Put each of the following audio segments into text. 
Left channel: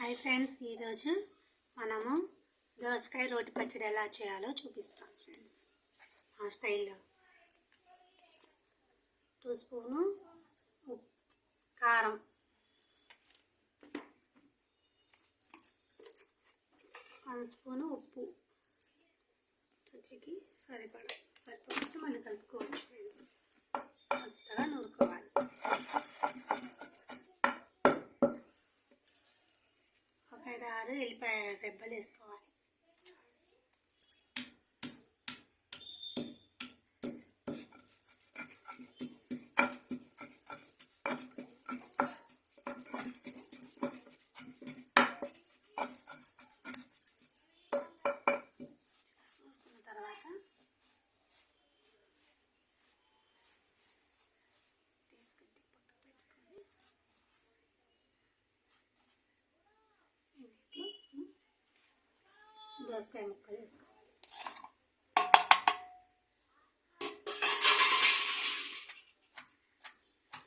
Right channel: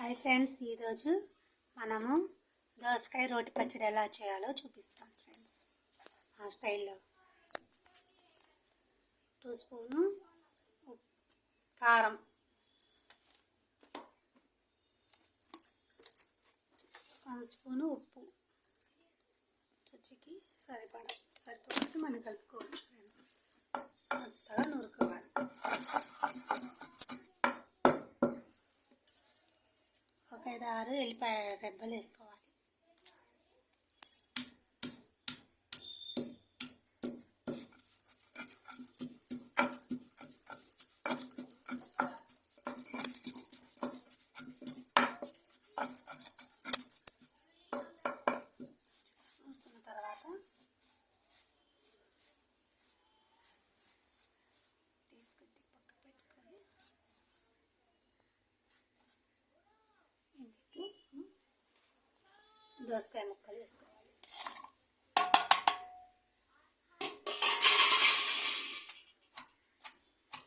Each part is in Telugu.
హాయ్ ఫ్రెండ్స్, ఈరోజు మనము దోసకాయ రోటి పచ్చడి ఎలా చేయాలో చూపిస్తాం ఫ్రెండ్స్. ఆ స్టైల్లో 2 స్పూను కారం, 1 స్పూను ఉప్పు, రుచికి సరిపడినట్టు మనం కలుపుకోవచ్చు ఫ్రెండ్స్. కొత్తగా నూరుకోవాలి. ఒక 5-6 ఎల్లిపాయ రెబ్బలు వేసుకోవాలి. తర్వాత తీసుకుని పక్క పెట్టుకొని దోసకాయ ముక్కలు వేసుకోవాలి.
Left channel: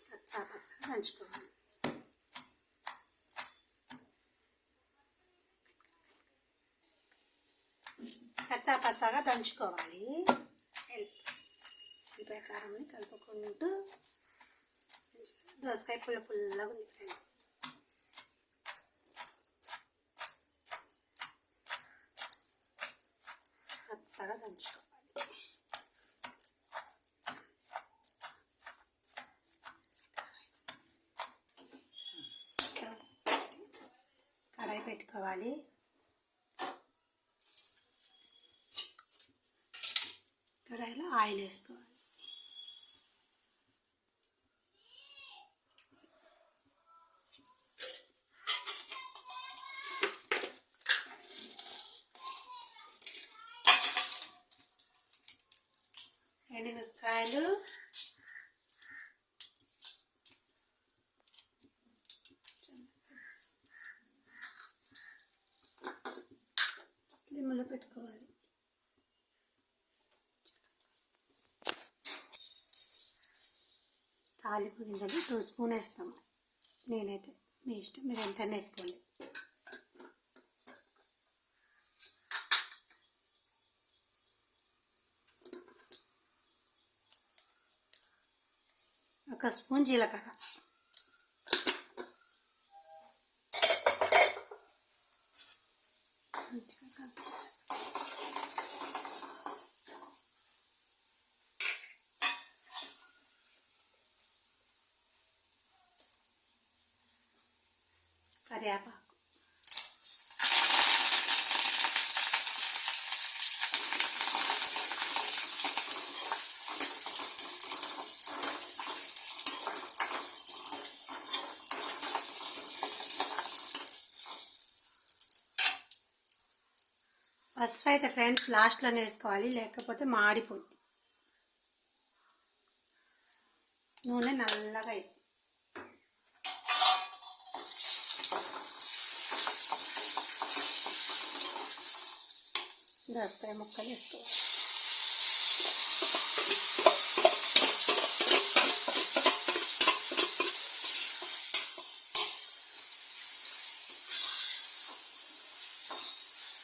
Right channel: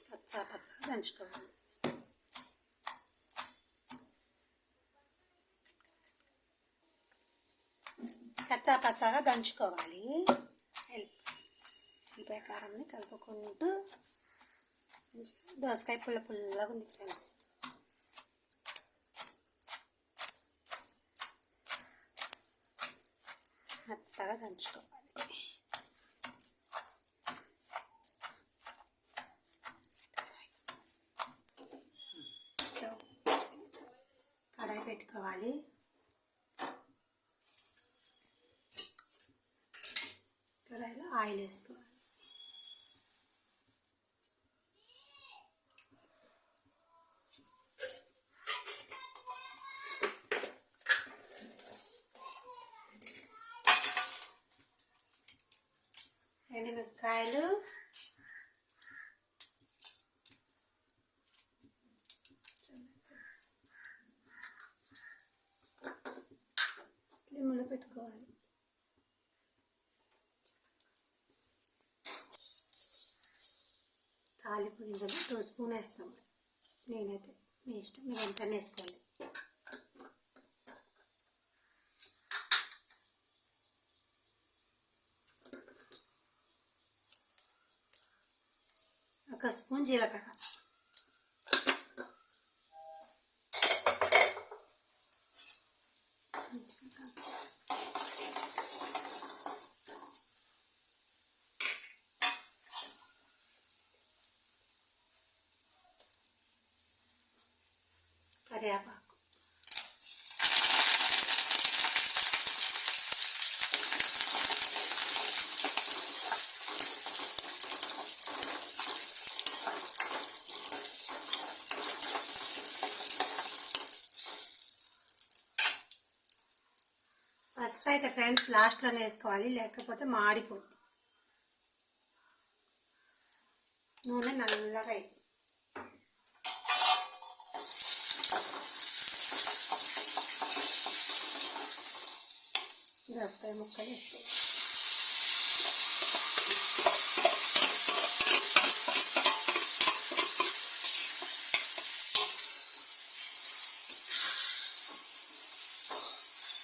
పచ్చగా దంచుకోవాలి. పచ్చగా దంచుకోవాలి. ఎల్లిపాయ కారాన్ని కలుపుకుంటూ దోసకాయ పుల్లగా ఉంది ఫ్రెండ్స్. మెత్తగా దంచుకోవాలి. కడాయి పెట్టుకోవాలి. కడాయిలో ఆయిల్ వేసుకోవాలి. ఎండుమిరపకాయలు, స్లిమ్లో పెట్టుకోవాలి. తాలింపు గింజలు 2 స్పూన్ వేస్తాము. నేనైతే మీ ఇష్టం, మీరు ఎంత వేసుకోండి. ఒక స్పూన్ జీలకర్ర, కరివేపాకు, పసుపు అయితే ఫ్రెండ్స్ లాస్ట్లోనే వేసుకోవాలి, లేకపోతే మాడిపోద్ది. నూనె నల్లగా అయింది. దోసకాయ ముక్కలు వేసుకోవాలి.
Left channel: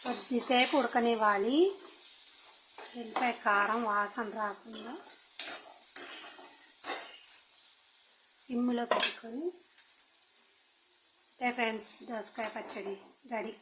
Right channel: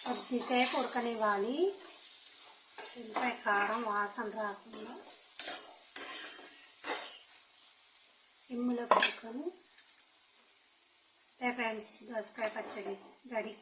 కొద్దిసేపు ఉడకనివ్వాలి. ఎల్లిపాయ కారం వాసన రాకుండా సిమ్లో పెట్టుకొని. ఫ్రెండ్స్, దోసకాయ పచ్చడి రెడీ.